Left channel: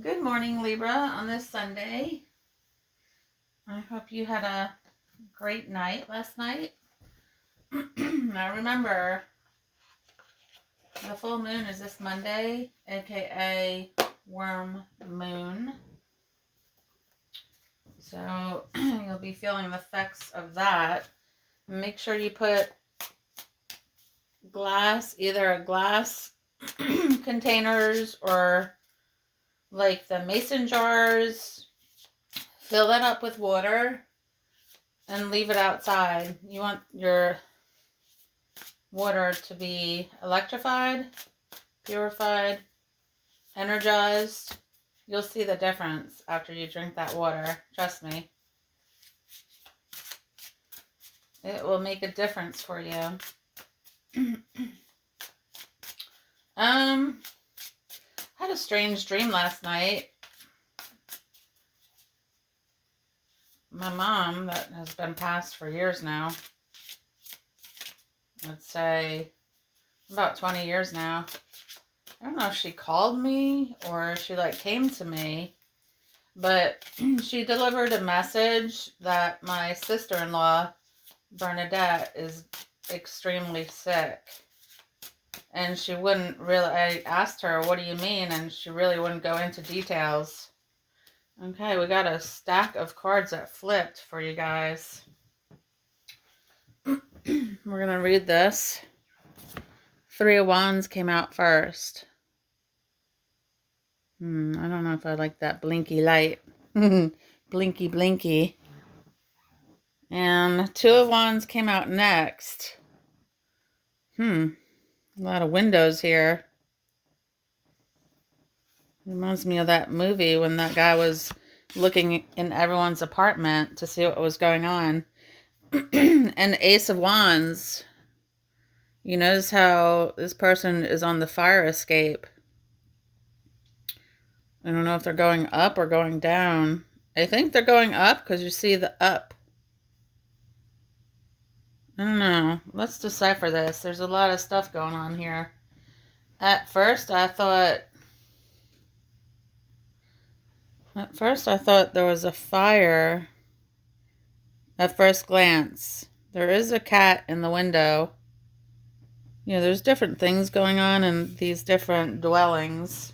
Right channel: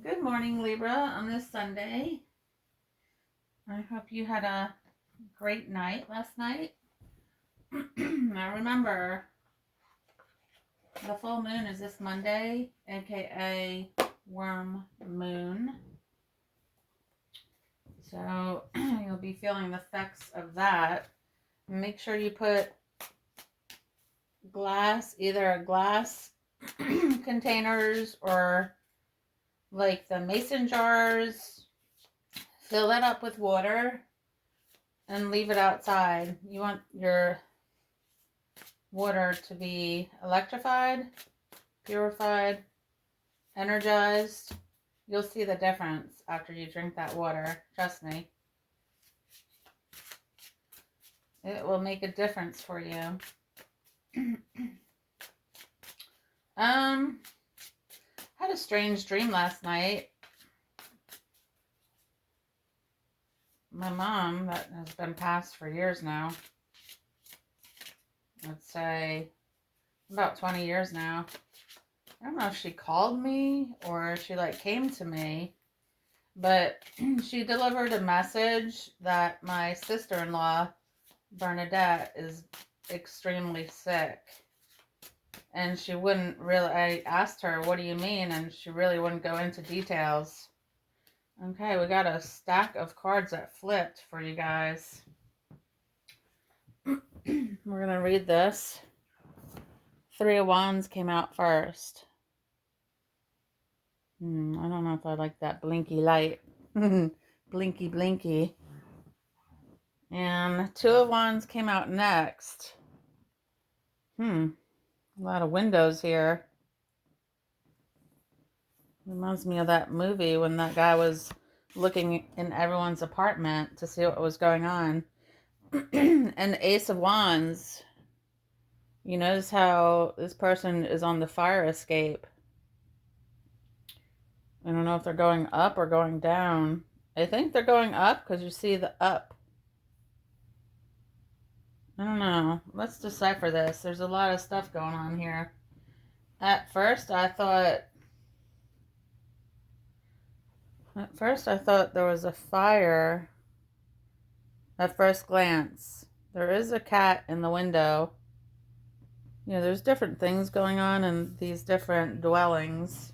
Good morning, Libra, on this Sunday. I hope you had a great night last night. Now remember, the full moon is this Monday, aka worm moon. So you'll be feeling the effects of that. Make sure you put either glass containers or like the mason jars, fill it up with water and leave it outside. You want your water to be electrified, purified, energized. You'll see the difference after you drink that water. Trust me. It will make a difference for you. Had a strange dream last night. My mom, that has been passed for years now, I'd say about 20 years now. I don't know if she called me or she came to me, but she delivered a message that my sister-in-law, Bernadette, is extremely sick. And she wouldn't really, I asked her, what do you mean? And she really wouldn't go into details. Okay, we got a stack of cards that flipped for you guys. We're going to read this. Three of Wands came out first. I don't know if I like that blinky light. Blinky, blinky. And Two of Wands came out next. A lot of windows here. Reminds me of that movie when that guy was looking in everyone's apartment to see what was going on. And Ace of Wands. You notice how this person is on the fire escape. I don't know if they're going up or going down. I think they're going up because you see the up. I don't know. Let's decipher this. There's a lot of stuff going on here. At first I thought there was a fire at first glance. There is a cat in the window. You know, there's different things going on in these different dwellings.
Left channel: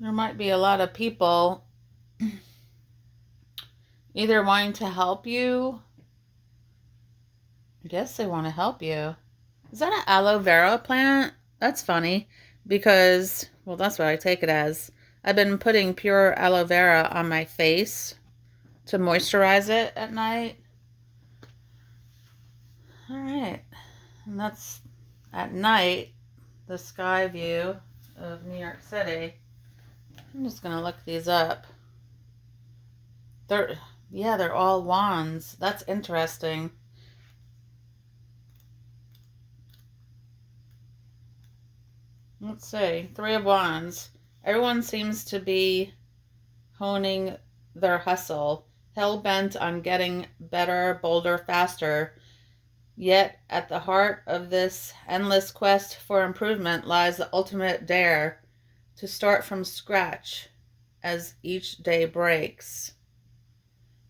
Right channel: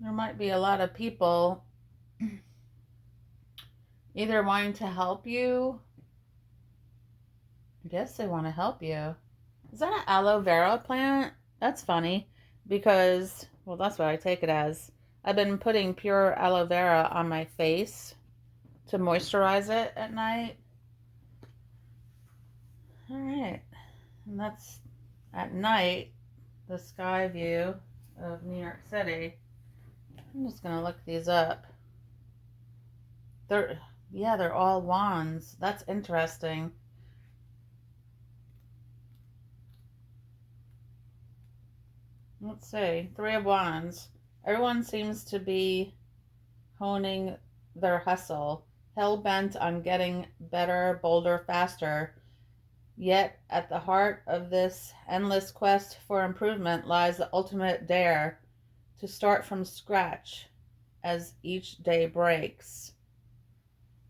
There might be a lot of people either wanting to help you. I guess they want to help you. Is that an aloe vera plant? That's funny because, well, that's what I take it as. I've been putting pure aloe vera on my face to moisturize it at night. All right. And that's at night, the sky view of New York City. I'm just going to look these up. They're all wands. That's interesting. Let's see. Three of Wands. Everyone seems to be honing their hustle, hell-bent on getting better, bolder, faster. Yet at the heart of this endless quest for improvement lies the ultimate dare to start from scratch as each day breaks.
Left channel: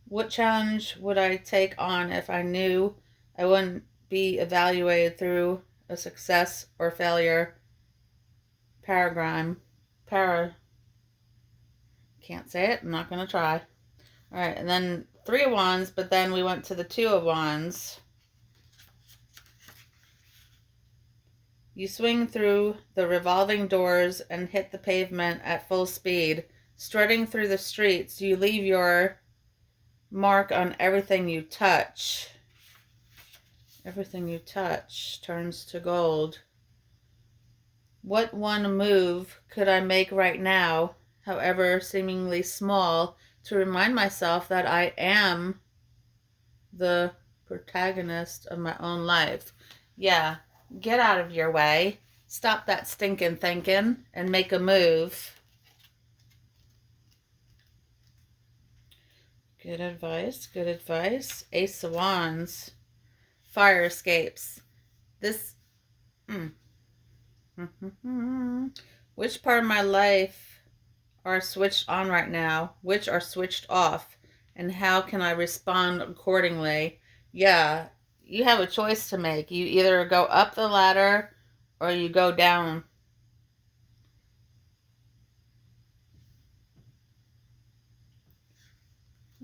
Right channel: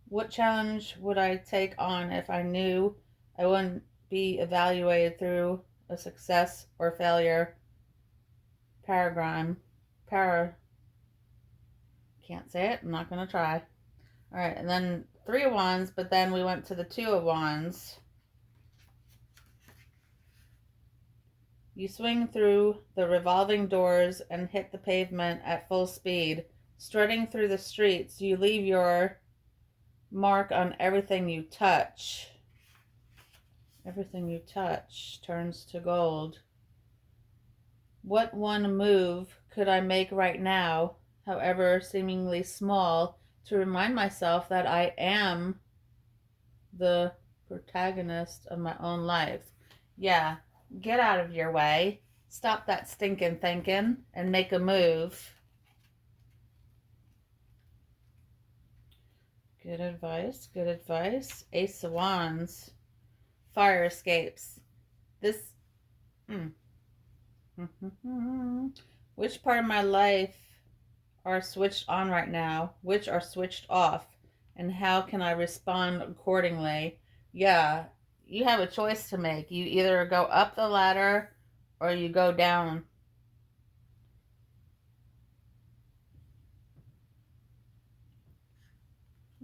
What challenge would I take on if I knew I wouldn't be evaluated through a success or failure paradigm? Can't say it. I'm not going to try. All right, and then Three of Wands, but then we went to the Two of Wands. You swing through the revolving doors and hit the pavement at full speed. Strutting through the streets, you leave your mark on everything you touch. Everything you touch turns to gold. What one move could I make right now, however seemingly small, to remind myself that I am the protagonist of my own life? Yeah, get out of your way. Stop that stinking thinking and make a move. Good advice, good advice. Ace of Wands. Fire escapes. This... Which part of my life are switched on right now? Which are switched off? And how can I respond accordingly? Yeah, you have a choice to make. You either go up the ladder or you go down.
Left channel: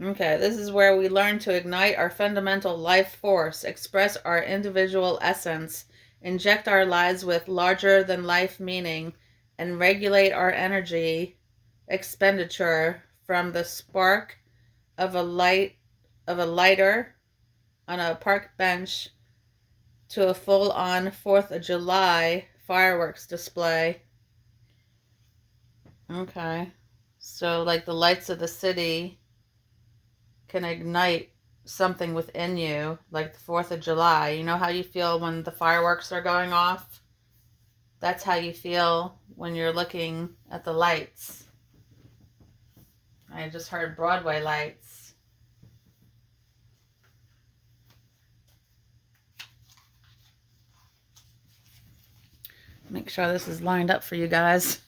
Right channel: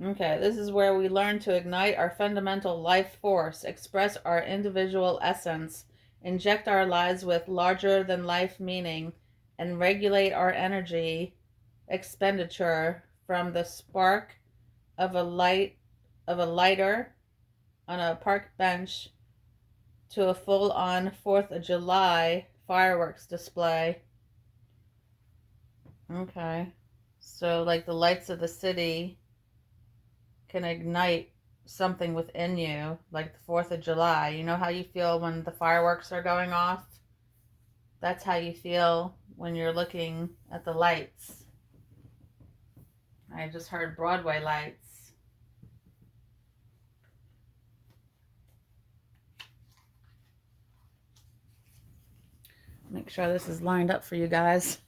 Okay, this is where we learn to ignite our fundamental life force, express our individual essence, inject our lives with larger than life meaning, and regulate our energy expenditure from the spark of a lighter on a park bench to a full-on 4th of July fireworks display. Okay. So like the lights of the city can ignite something within you, like the 4th of July. You know how you feel when the fireworks are going off? That's how you feel when you're looking at the lights. I just heard Broadway lights. Make sure this is lined up for you guys.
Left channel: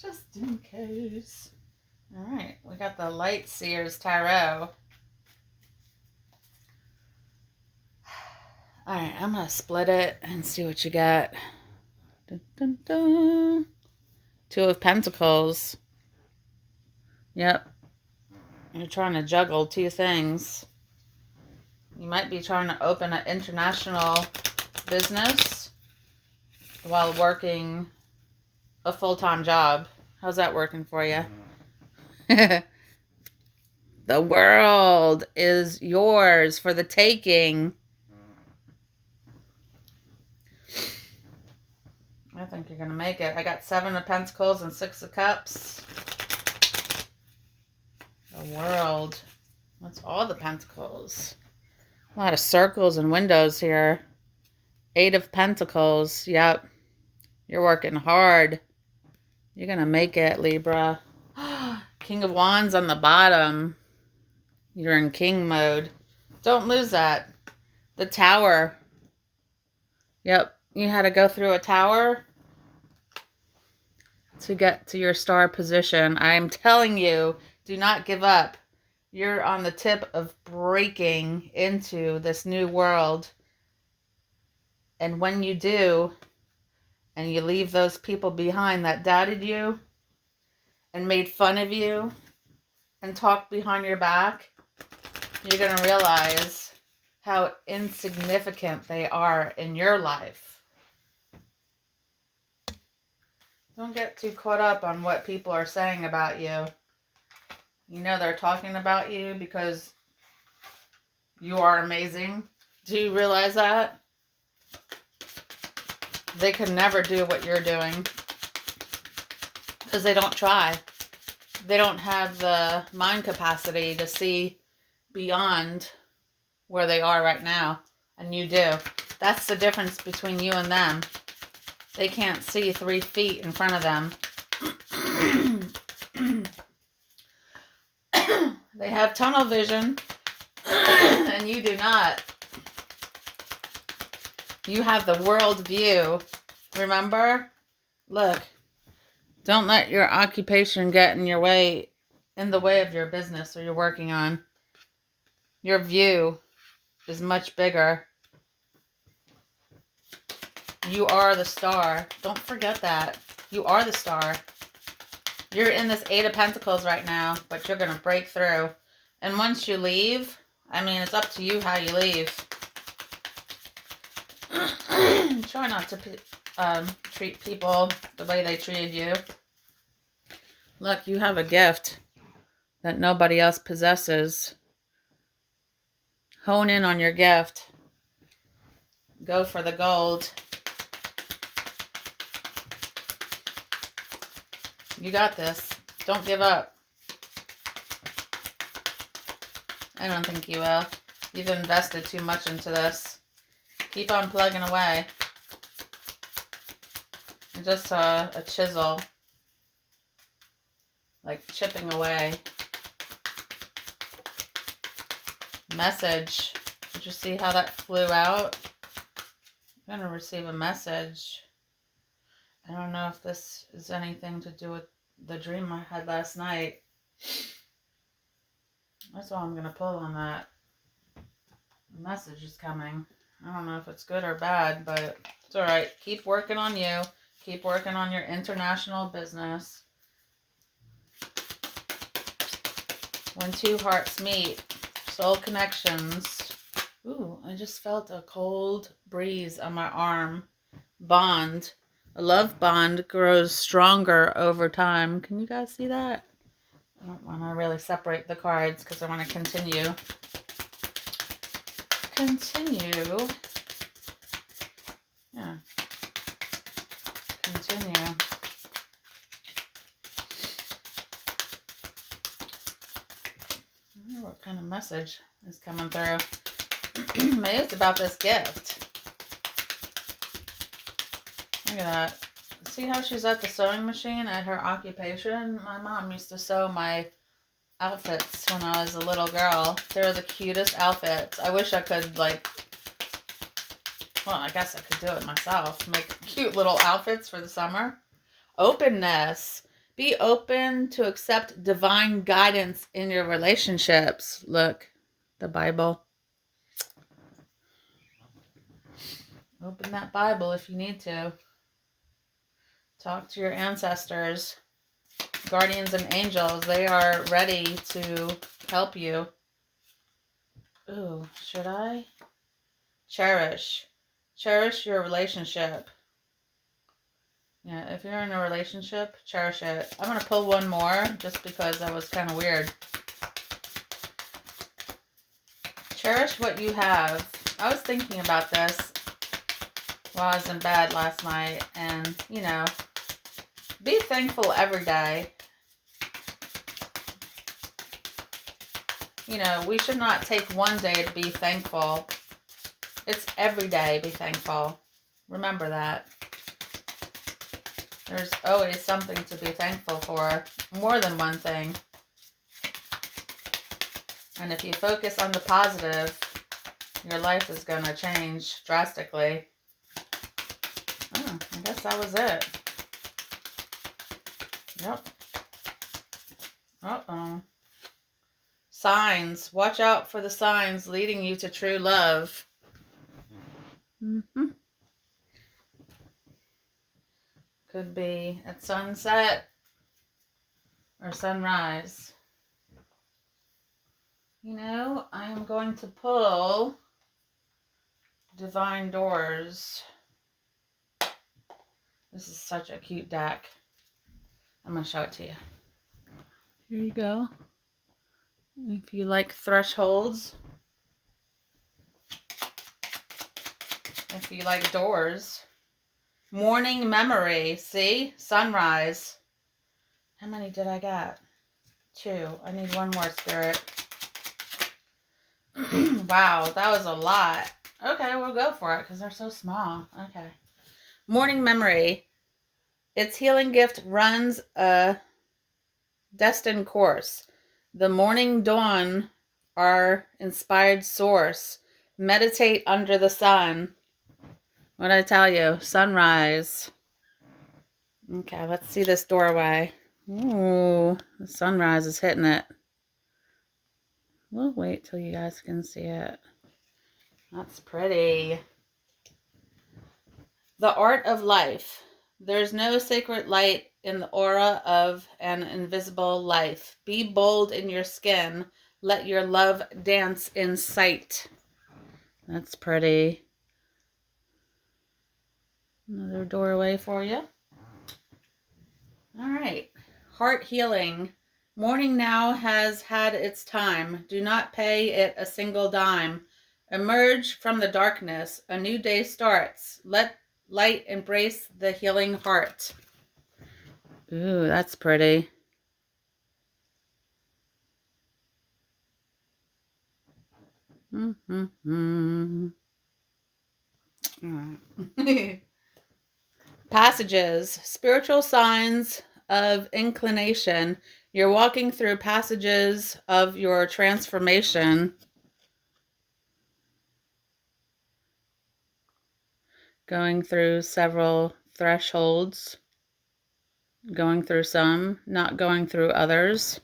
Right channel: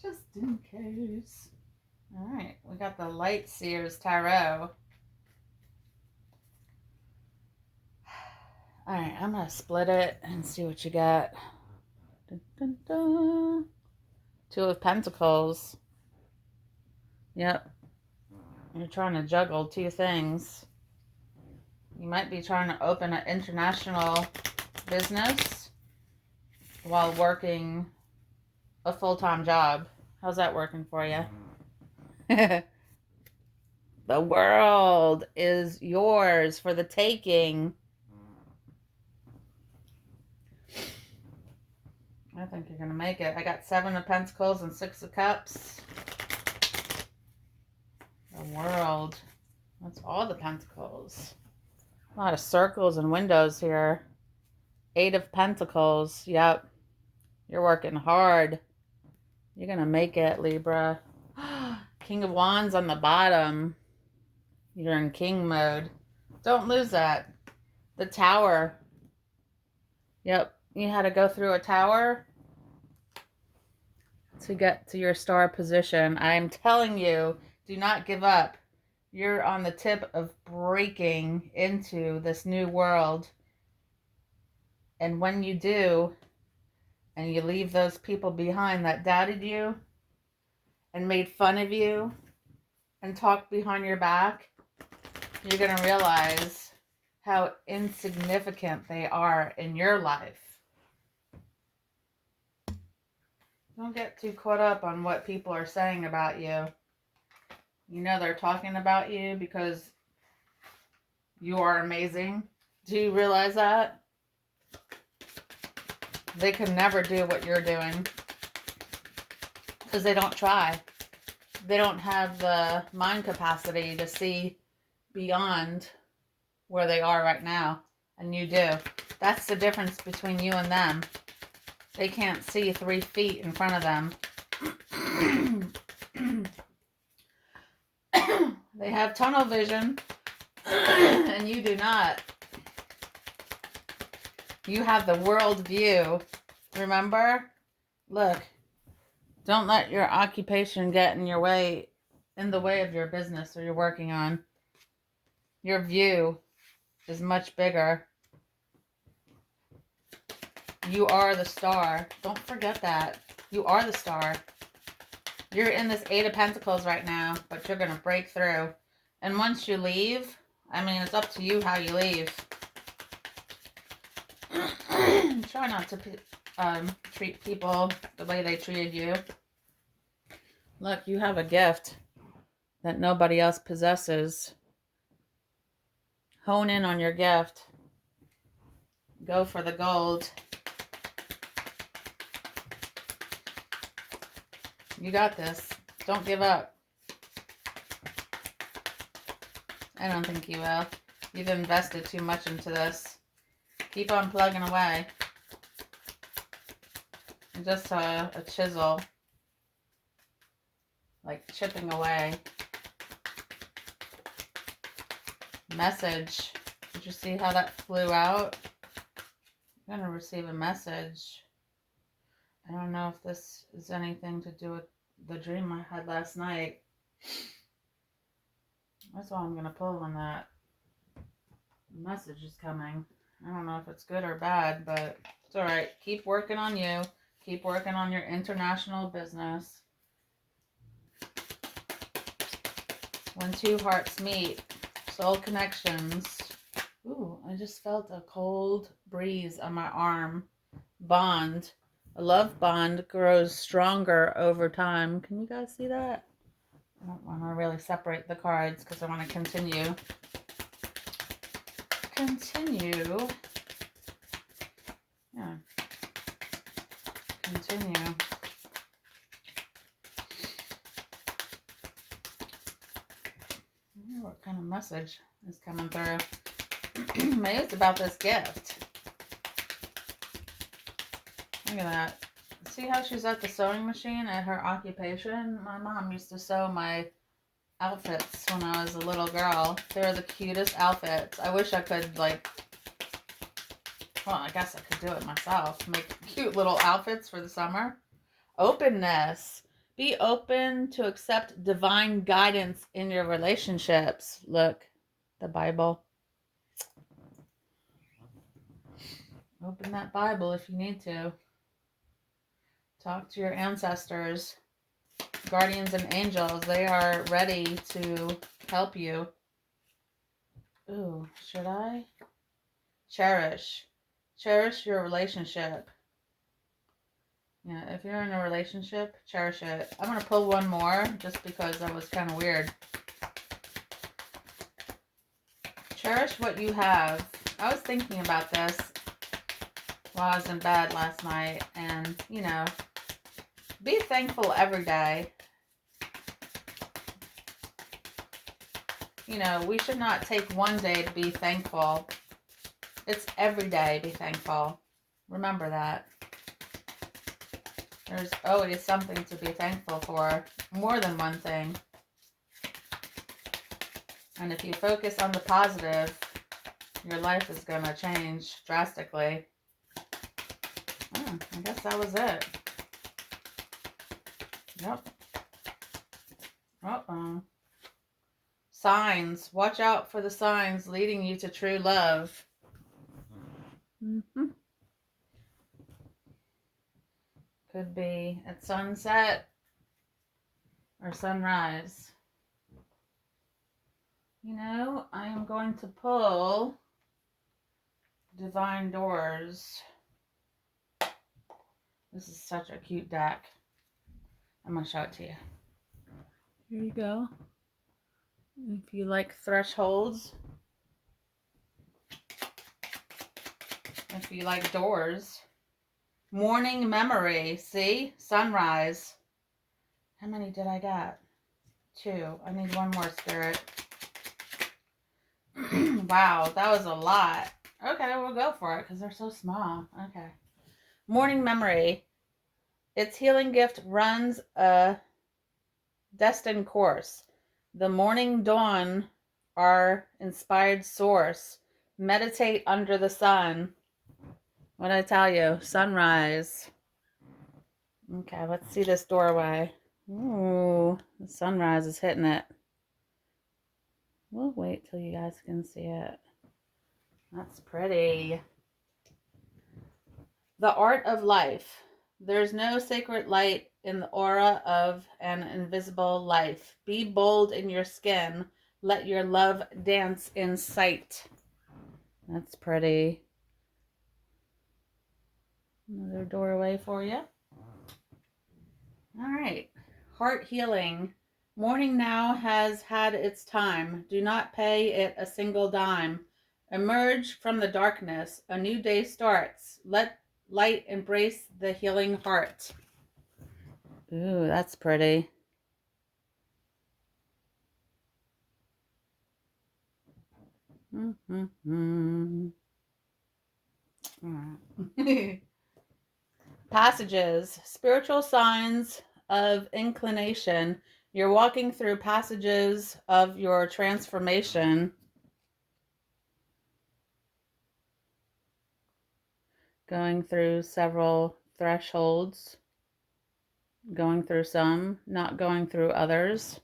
Just in case. All right, we got the Light Seers Tarot. All right, I'm going to split it and see what you got. Dun, dun, dun. 2 of Pentacles. Yep. You're trying to juggle 2 things. You might be trying to open an international business while working a full-time job. How's that working for you? The world is yours for the taking. I think you're going to make it. I got 7 of Pentacles and 6 of Cups. The world. That's all the Pentacles. A lot of circles and windows here. 8 of Pentacles. Yep. You're working hard. You're going to make it, Libra. King of Wands on the bottom. You're in king mode. Don't lose that. The Tower. Yep. You had to go through a tower to get to your star position. I'm telling you, do not give up. You're on the tip of breaking into this new world. And when you do, and you leave those people behind that doubted you and made fun of you and talked behind your back, you're going to realize how insignificant they are in your life. Don't get too caught up on what people are saying about you. You know they're talking about you because you are amazing. Do you realize that? They could never do what you're doing because they don't try. They don't have the mind capacity to see beyond where they are right now, and you do. That's the difference between you and them. They can't see 3 feet in front of them. They have tunnel vision, and you do not. You have the world view. Remember? Look, don't let your occupation get in the way of your business or you're working on. Your view is much bigger. You are the star. Don't forget that. You are the star. You're in this 8 of Pentacles right now, but you're going to break through. And once you leave, I mean, it's up to you how you leave. Try not to treat people the way they treated you. Look, you have a gift that nobody else possesses. Hone in on your gift. Go for the gold. You got this. Don't give up. I don't think you will. You've invested too much into this. Keep on plugging away. I just saw a chisel, like chipping away. Message. Did you see how that flew out? I'm going to receive a message. I don't know if this is anything to do with the dream I had last night. That's why I'm going to pull on that. The message is coming. I don't know if it's good or bad, but it's all right. Keep working on you. Keep working on your international business. When two hearts meet, soul connections. Ooh, I just felt a cold breeze on my arm. Bond. A love bond grows stronger over time. Can you guys see that? I don't want to really separate the cards because I want to continue. Yeah. Continue. I wonder what kind of message is coming through. Maybe it's about this gift. Look at that. See how she's at the sewing machine at her occupation? My mom used to sew my outfits when I was a little girl. They were the cutest outfits. I wish I could, like, well, I guess I could do it myself. Make cute little outfits for the summer. Openness. Be open to accept divine guidance in your relationships. Look, the Bible. Open that Bible if you need to. Talk to your ancestors, guardians and angels. They are ready to help you. Ooh, should I? Cherish. Cherish your relationship. Yeah, if you're in a relationship, cherish it. I'm going to pull one more just because that was kind of weird. Cherish what you have. I was thinking about this while I was in bed last night, and, you know, be thankful every day. You know, we should not take one day to be thankful. It's every day be thankful. Remember that. There's always something to be thankful for. More than one thing. And if you focus on the positive, your life is going to change drastically. Oh, I guess that was it. Yep. Uh-oh. Signs. Watch out for the signs leading you to true love. Could be at sunset or sunrise. You know, I am going to pull Divine Doors. This is such a cute deck. I'm going to show it to you. Here you go. If you like thresholds, if you like doors. Morning memory. See? Sunrise. How many did I get? 2. I need one more, Spirit. Wow, that was a lot. Okay, we'll go for it because they're so small. Okay. Morning memory. Its healing gift runs a destined course. The morning dawn, our inspired source. Meditate under the sun. What did I tell you? Sunrise. Okay, let's see this doorway. Ooh, the sunrise is hitting it. We'll wait till you guys can see it. That's pretty. The art of life. There's no sacred light in the aura of an invisible life. Be bold in your skin. Let your love dance in sight. That's pretty. Another doorway for you. All right. Heart healing. Morning now has had its time. Do not pay it a single dime. Emerge from the darkness. A new day starts. Let light embrace the healing heart. Ooh, that's pretty. Passages. Spiritual signs of inclination. You're walking through passages of your transformation. Going through several thresholds. going through some, not going through others.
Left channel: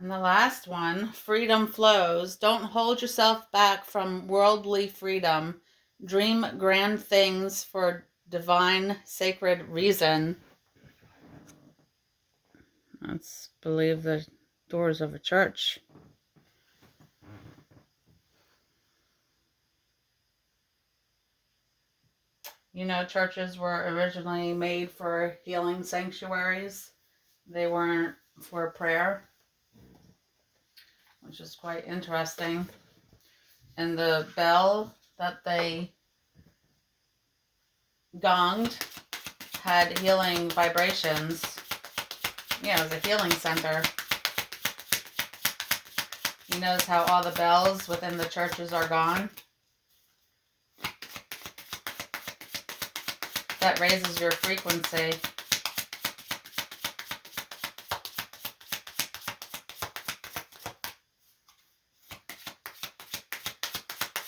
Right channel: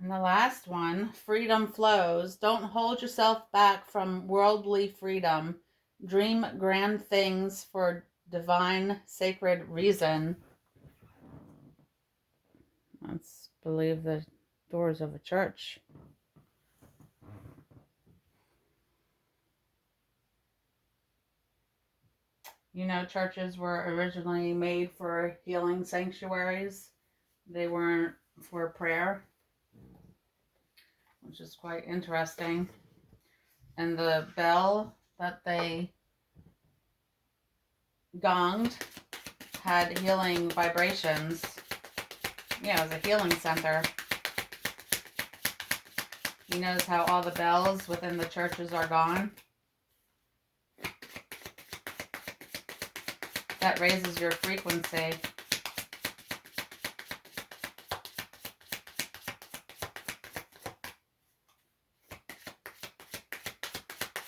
And the last one, freedom flows. Don't hold yourself back from worldly freedom. Dream grand things for divine, sacred reason. Let's believe the doors of a church. You know, churches were originally made for healing sanctuaries. They weren't for prayer, which is quite interesting. And the bell that they gonged had healing vibrations. Yeah, it was a healing center. You notice how all the bells within the churches are gone? That raises your frequency.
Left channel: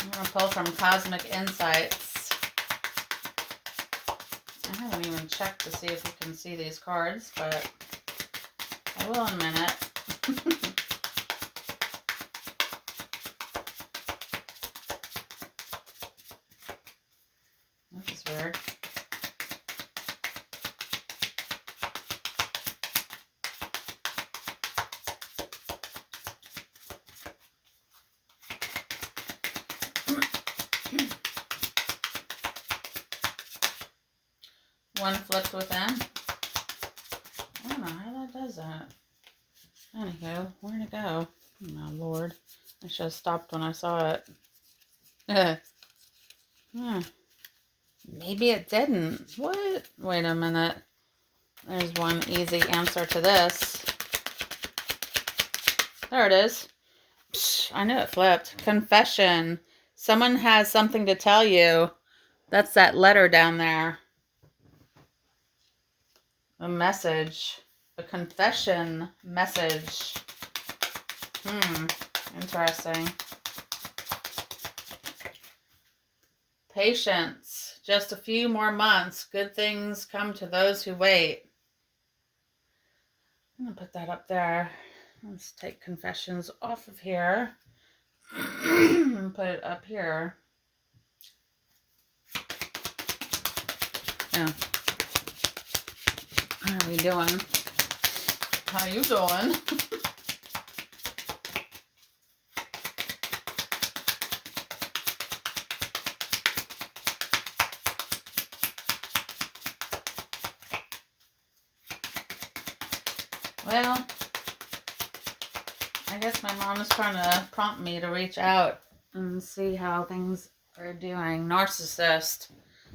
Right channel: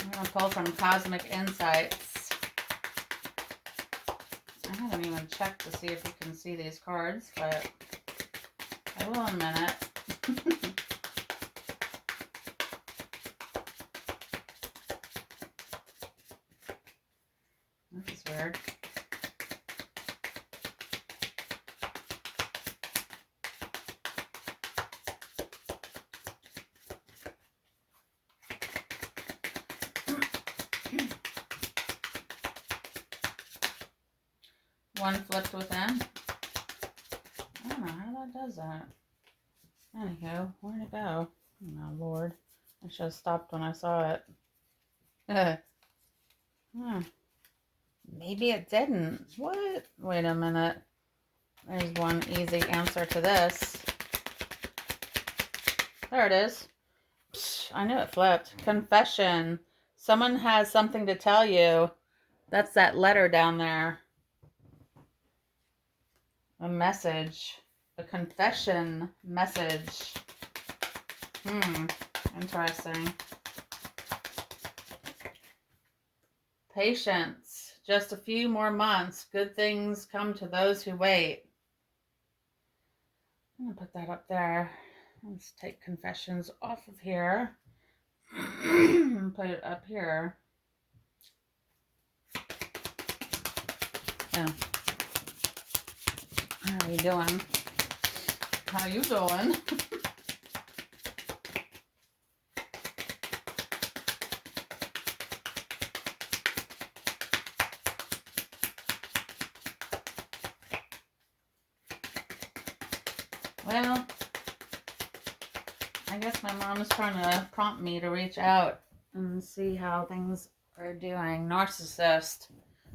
I'm going to pull from Cosmic Insights. I haven't even checked to see if you can see these cards, but I will in a minute. This is weird. One flipped within. I don't know how that does that. Anywho, where'd it go? Oh my lord. I should have stopped when I saw it. Maybe it didn't. What? Wait a minute. There's one easy answer to this. There it is. Psh, I knew it flipped. Confession. Someone has something to tell you. That's that letter down there. A message. A confession message. Interesting. Patience. Just a few more months. Good things come to those who wait. I'm going to put that up there. Let's take confessions off of here. And put it up here. Yeah. How are we doing? How you doing? Well, I guess my mom is trying to prompt me to reach out and see how things are doing. Narcissist.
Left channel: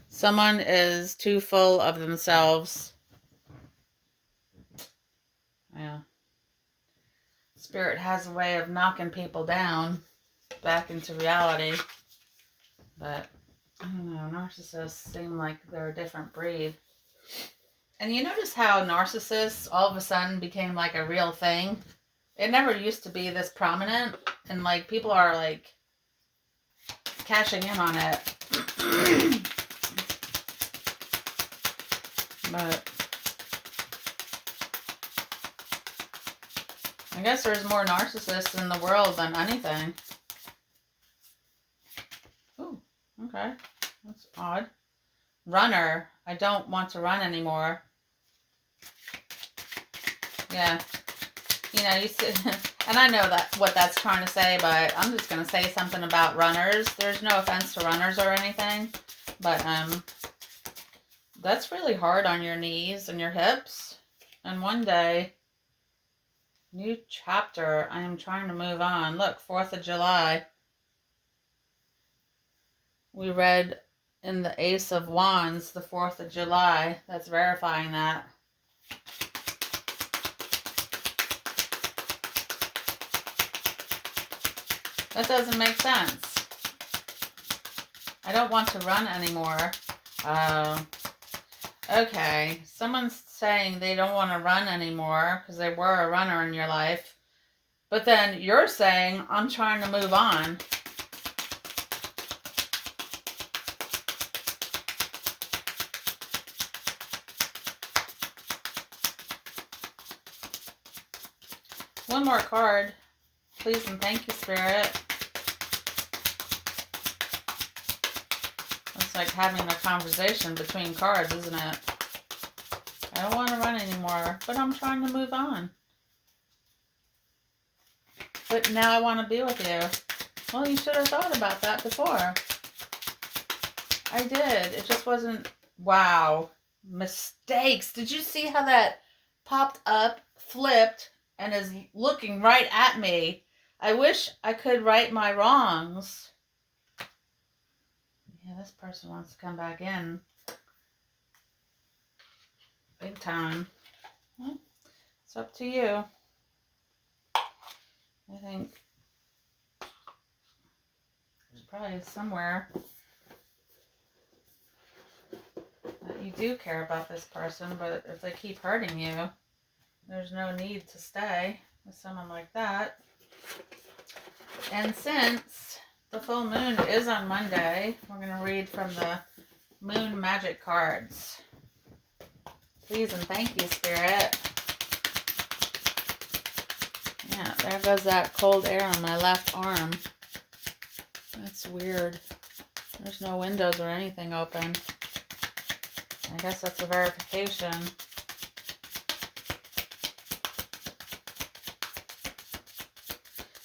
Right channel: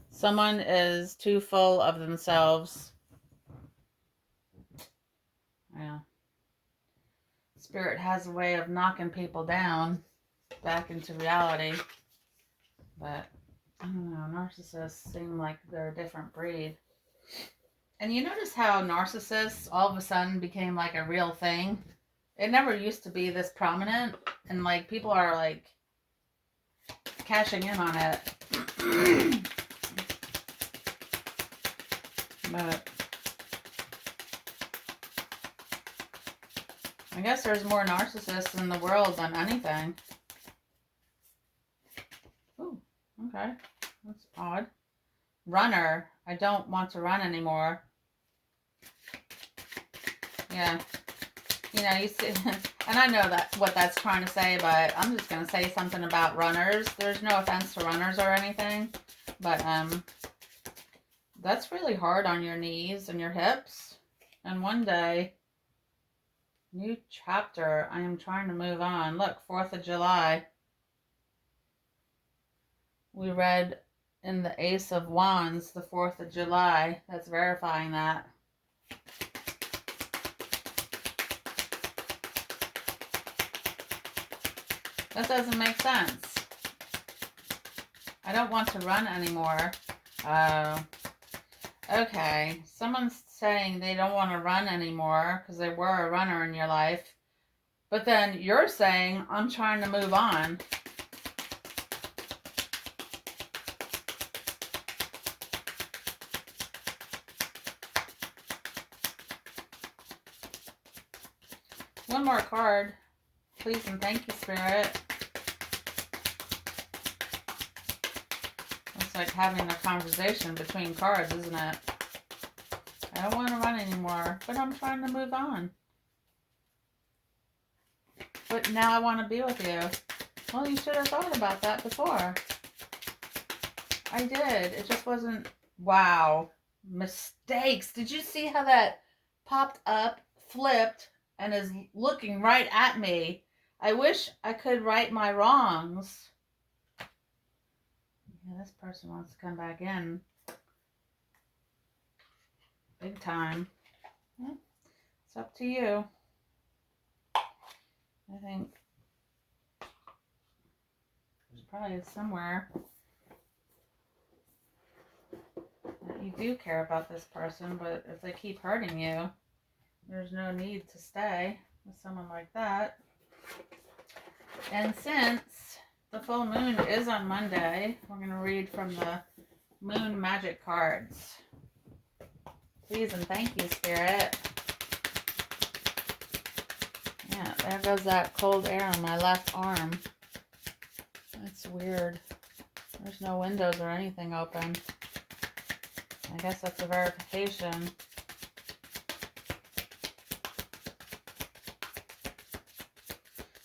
Someone is too full of themselves. Yeah. Spirit has a way of knocking people down back into reality. But, I don't know, narcissists seem like they're a different breed. And you notice how narcissists all of a sudden became like a real thing? It never used to be this prominent, and like people are like cashing in on it. But I guess there's more narcissists in the world than anything. Ooh, okay. That's odd. Runner. I don't want to run anymore. Yeah. You know, you see, and I know that what that's trying to say, but I'm just going to say something about runners. There's no offense to runners or anything, but that's really hard on your knees and your hips. And one day, new chapter, I am trying to move on. Look, 4th of July. We read in the Ace of Wands, the 4th of July. That's verifying that. That doesn't make sense. I don't want to run anymore. Okay. Someone's saying they don't want to run anymore because they were a runner in your life. But then you're saying, I'm trying to move on. One more card. Please and thank you, Spirit. It's like having a conversation between cards, isn't it? I don't want to run anymore, but I'm trying to move on. But now I want to be with you. Well, you should have thought about that before. I did. It just wasn't... Wow. Mistakes. Did you see how that popped up, flipped, and is looking right at me? I wish I could right my wrongs. Yeah, this person wants to come back in. Big time. Well, it's up to you. I think there's probably somewhere that you do care about this person, but if they keep hurting you, there's no need to stay with someone like that. And since the full moon is on Monday, we're going to read from the Moon Magic cards. Please and thank you, Spirit. Yeah, there goes that cold air on my left arm. That's weird. There's no windows or anything open. I guess that's a verification.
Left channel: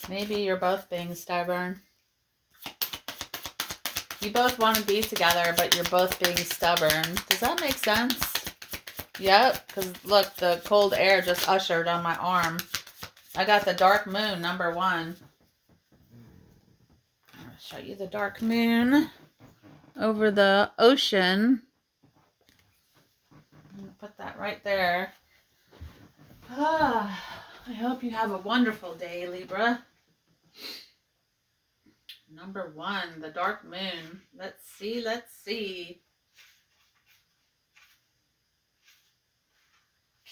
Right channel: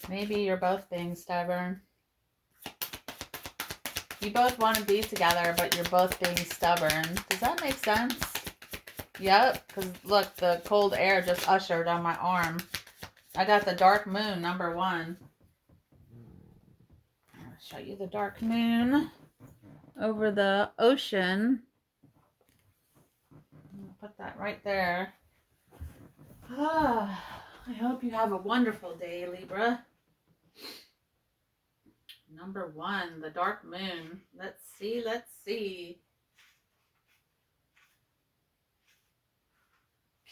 Maybe you're both being stubborn. You both want to be together, but you're both being stubborn. Does that make sense? Yep, because look, the cold air just ushered on my arm. I got the dark moon, number 1. I'm going to show you the dark moon over the ocean. I'm going to put that right there. I hope you have a wonderful day, Libra. Number 1, the dark moon. Let's see, let's see.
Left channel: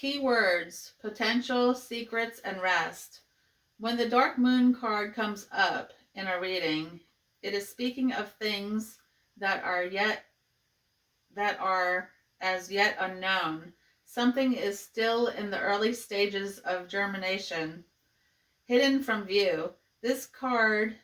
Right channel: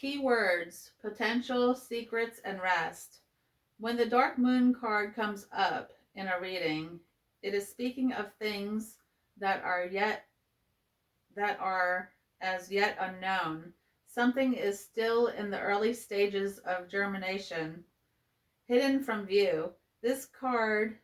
Keywords: potential, secrets, and rest. When the dark moon card comes up in a reading, it is speaking of things that are as yet unknown. Something is still in the early stages of germination, hidden from view. This card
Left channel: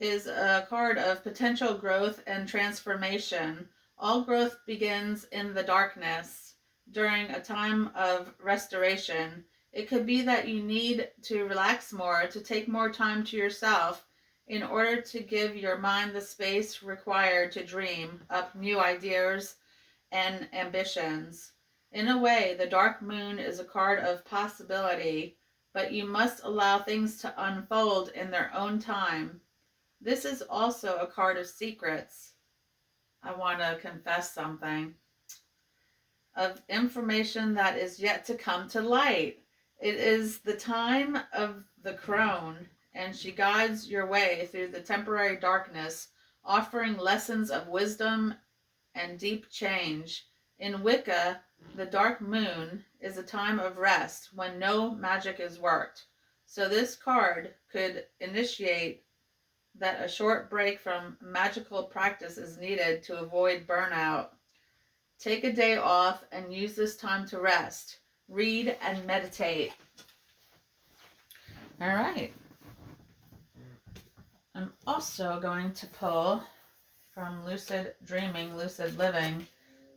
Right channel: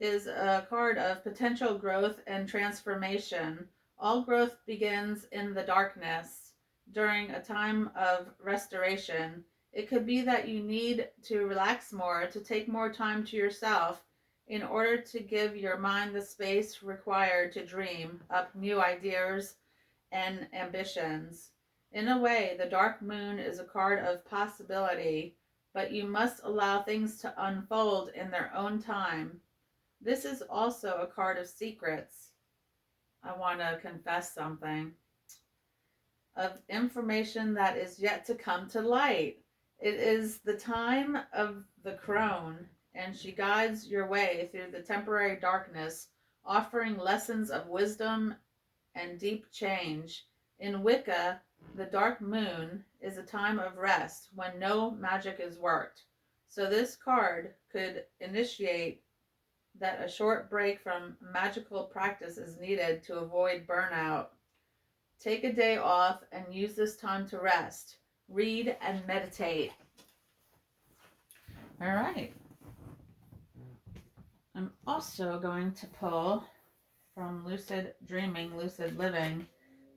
is a card of potential growth and transformation. All growth begins in the darkness during a time of restoration. It could be that you need to relax more, to take more time to yourself in order to give your mind the space required to dream up new ideas and ambitions. In a way, the dark moon is a card of possibility, but you must allow things to unfold in their own time. This is also a card of secrets. I want to confess something. Of information that is yet to come to light. It is the time of the crone, and she guides your way through the temporary darkness, offering lessons of wisdom and deep change. In Wicca, the dark moon is a time of rest when no magic is worked. So this card could initiate that a short break from magical practice is needed to avoid burnout. Take a day off and use this time to rest, read, and meditate. All right. I'm also going to pull from Lucid Dreaming, Lucid Living,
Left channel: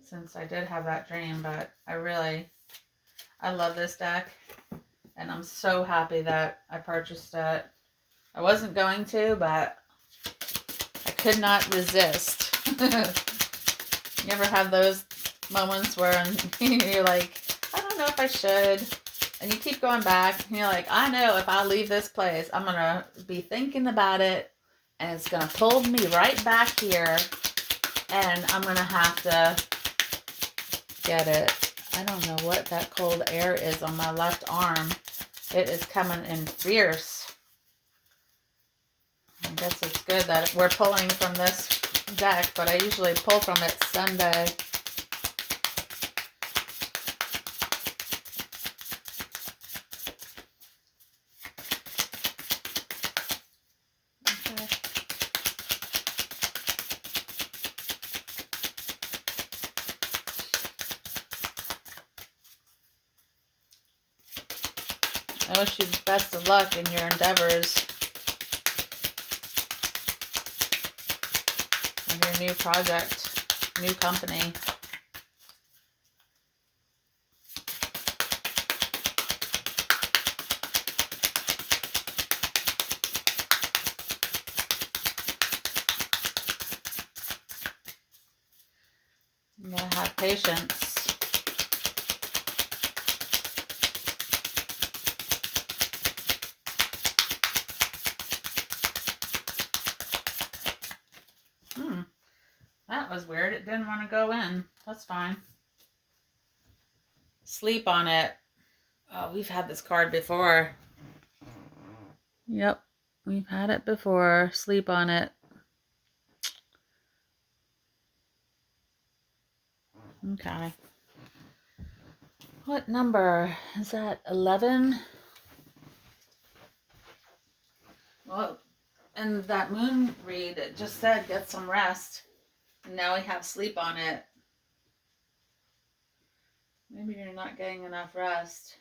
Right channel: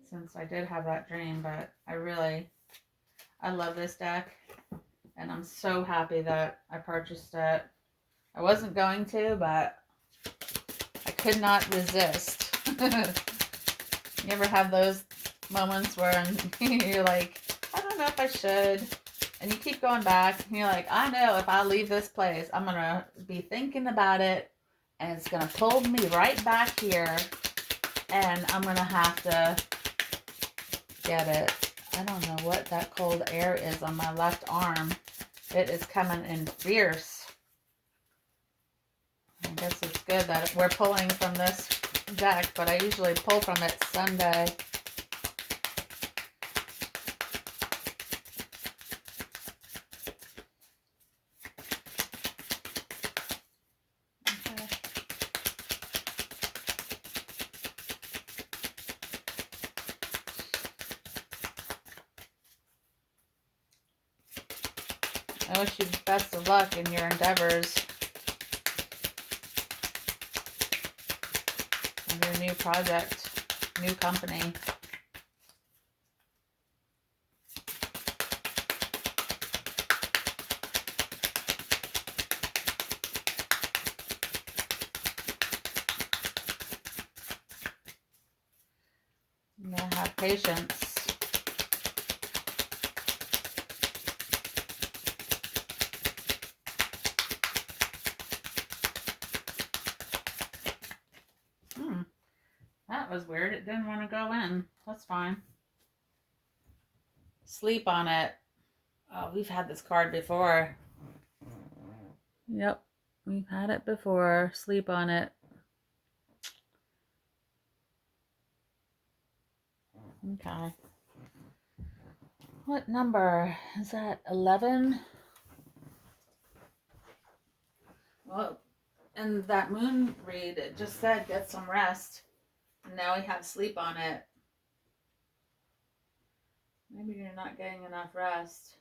since I did have that dream, but I love this deck, and I'm so happy that I purchased it. I wasn't going to, but I could not resist. You ever have those moments where you're like, I don't know if I should, and you keep going back, and you're like, I know if I leave this place, I'm going to be thinking about it, and it's going to pull me right back here, and I'm going to have to get it. I don't know what that cold air is on my left arm. It is coming in fierce. I guess it's good that we're pulling from this deck, but I usually pull from it Sunday. I wish you best of luck in your endeavors of your new project, new company. You gotta have patience. That was weird. It didn't want to go in. That's fine. Sleep on it. Oh, we've had this card before. Yep, we've had it before. Sleep on it. Okay. What number? Is that 11? Well, and that moon read, it just said get some rest. And now we have sleep on it. Maybe you're not getting enough rest.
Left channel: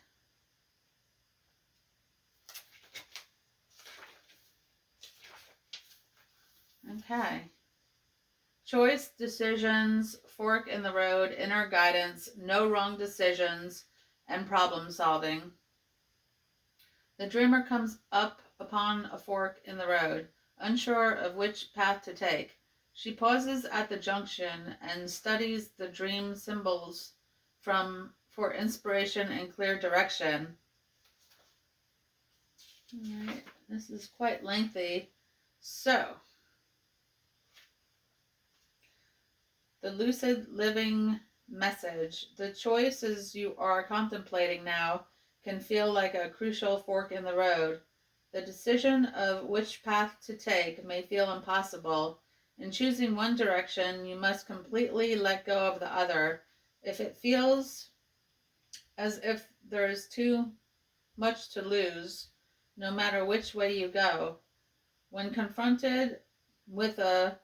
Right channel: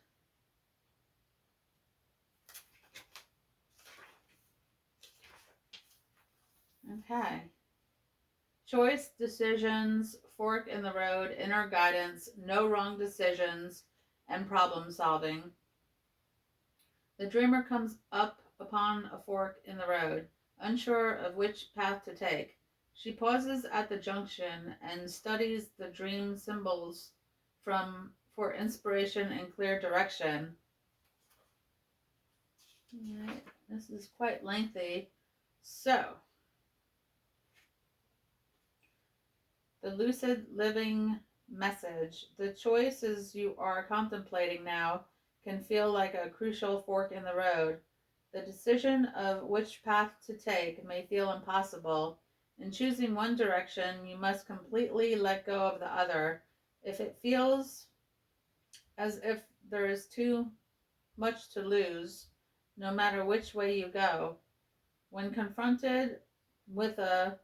Okay. Choice, decisions, fork in the road, inner guidance, no wrong decisions, and problem solving. The dreamer comes up upon a fork in the road, unsure of which path to take. She pauses at the junction and studies the dream symbols for inspiration and clear direction. All right, this is quite lengthy. So, the lucid living message. The choices you are contemplating now can feel like a crucial fork in the road. The decision of which path to take may feel impossible. In choosing one direction, you must completely let go of the other. If it feels as if there is too much to lose, no matter which way you go, when confronted with a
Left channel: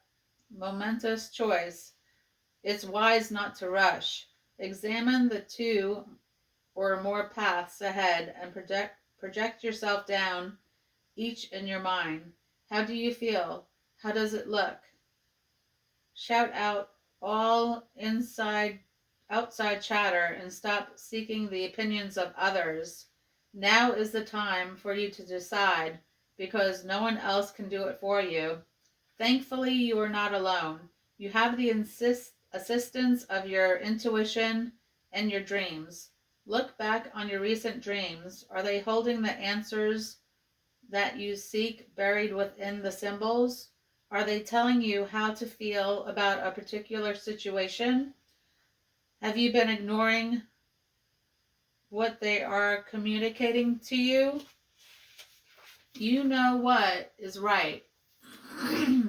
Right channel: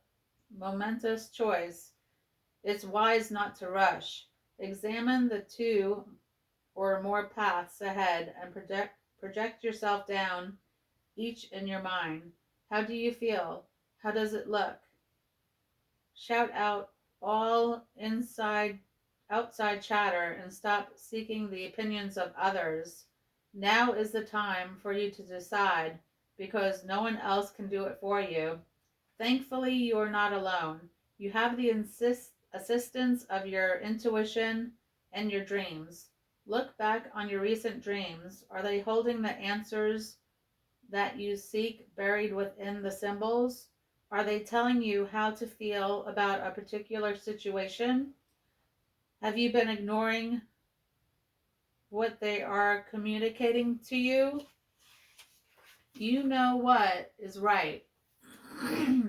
momentous choice, it's wise not to rush. Examine the two or more paths ahead and project yourself down each in your mind. How do you feel? How does it look? Shout out all outside chatter and stop seeking the opinions of others. Now is the time for you to decide because no one else can do it for you. Thankfully, you are not alone. You have the assistance of your intuition and your dreams. Look back on your recent dreams. Are they holding the answers that you seek buried within the symbols? Are they telling you how to feel about a particular situation? Have you been ignoring what they are communicating to you? You know what is right.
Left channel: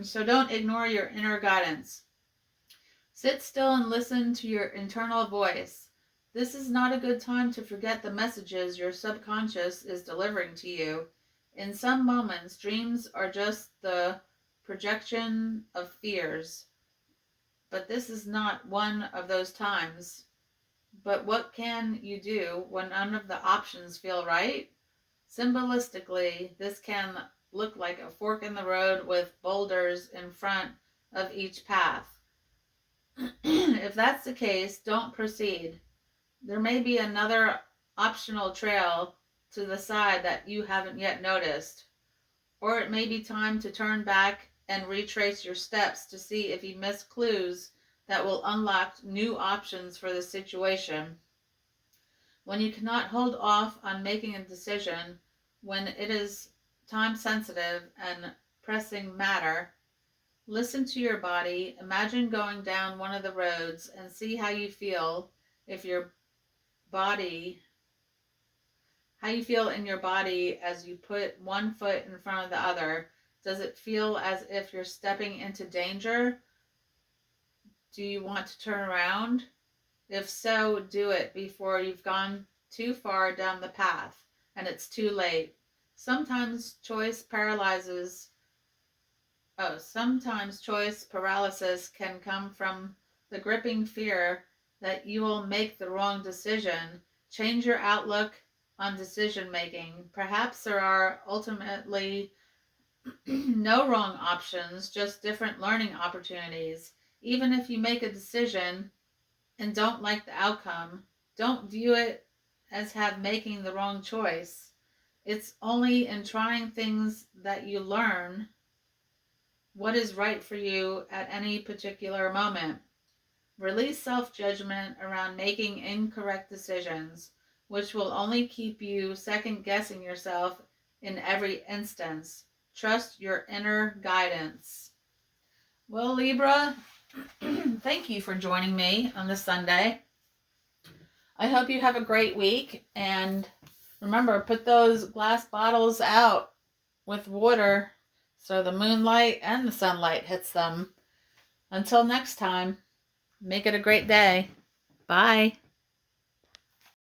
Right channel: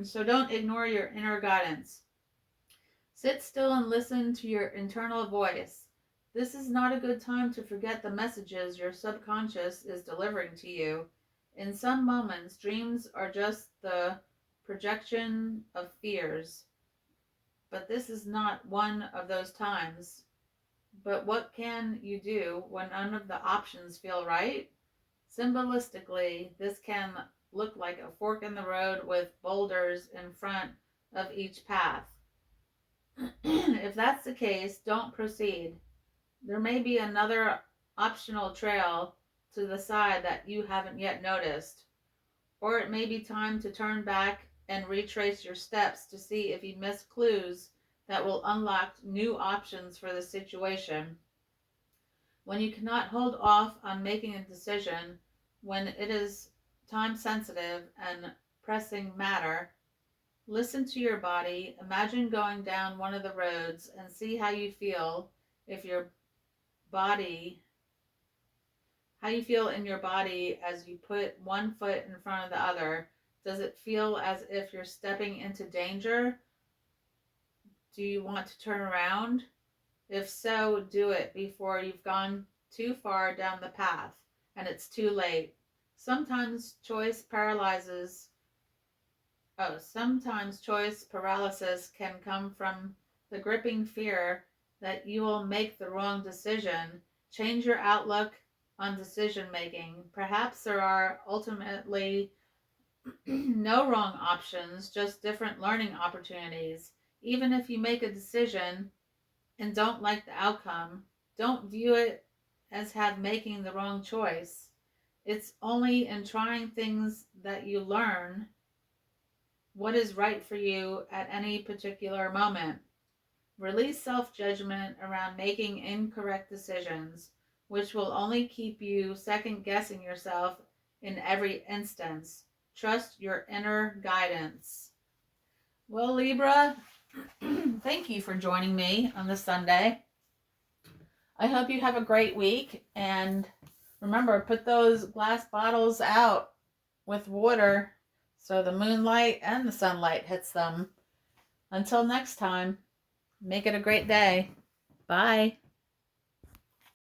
So don't ignore your inner guidance. Sit still and listen to your internal voice. This is not a good time to forget the messages your subconscious is delivering to you. In some moments, dreams are just the projection of fears, but this is not one of those times. But what can you do when none of the options feel right? Symbolistically, this can look like a fork in the road with boulders in front of each path. If that's the case, don't proceed. There may be another optional trail to the side that you haven't yet noticed. Or it may be time to turn back and retrace your steps to see if you miss clues that will unlock new options for the situation. When you cannot hold off on making a decision, when it is time sensitive and pressing matter, listen to your body. Imagine going down one of the roads and see how you feel if your body how you feel in your body as you put one foot in front of the other. Does it feel as if you're stepping into danger? Do you want to turn around? If so, do it before you've gone too far down the path and it's too late. Sometimes sometimes choice paralysis can come from the gripping fear that you will make the wrong decision. Change your outlook on decision making. Perhaps there are ultimately no wrong options, just different learning opportunities. Even if you make a decision and don't like the outcome, don't view it as have making the wrong choice. It's only in trying things that you learn what is right for you at any particular moment. Release self judgment around making incorrect decisions, which will only keep you second guessing yourself in every instance. Trust your inner guidance. Well, Libra, thank you for joining me on this Sunday. I hope you have a great week. And remember, put those glass bottles out with water so the moonlight and the sunlight hits them. Until next time, make it a great day. Bye.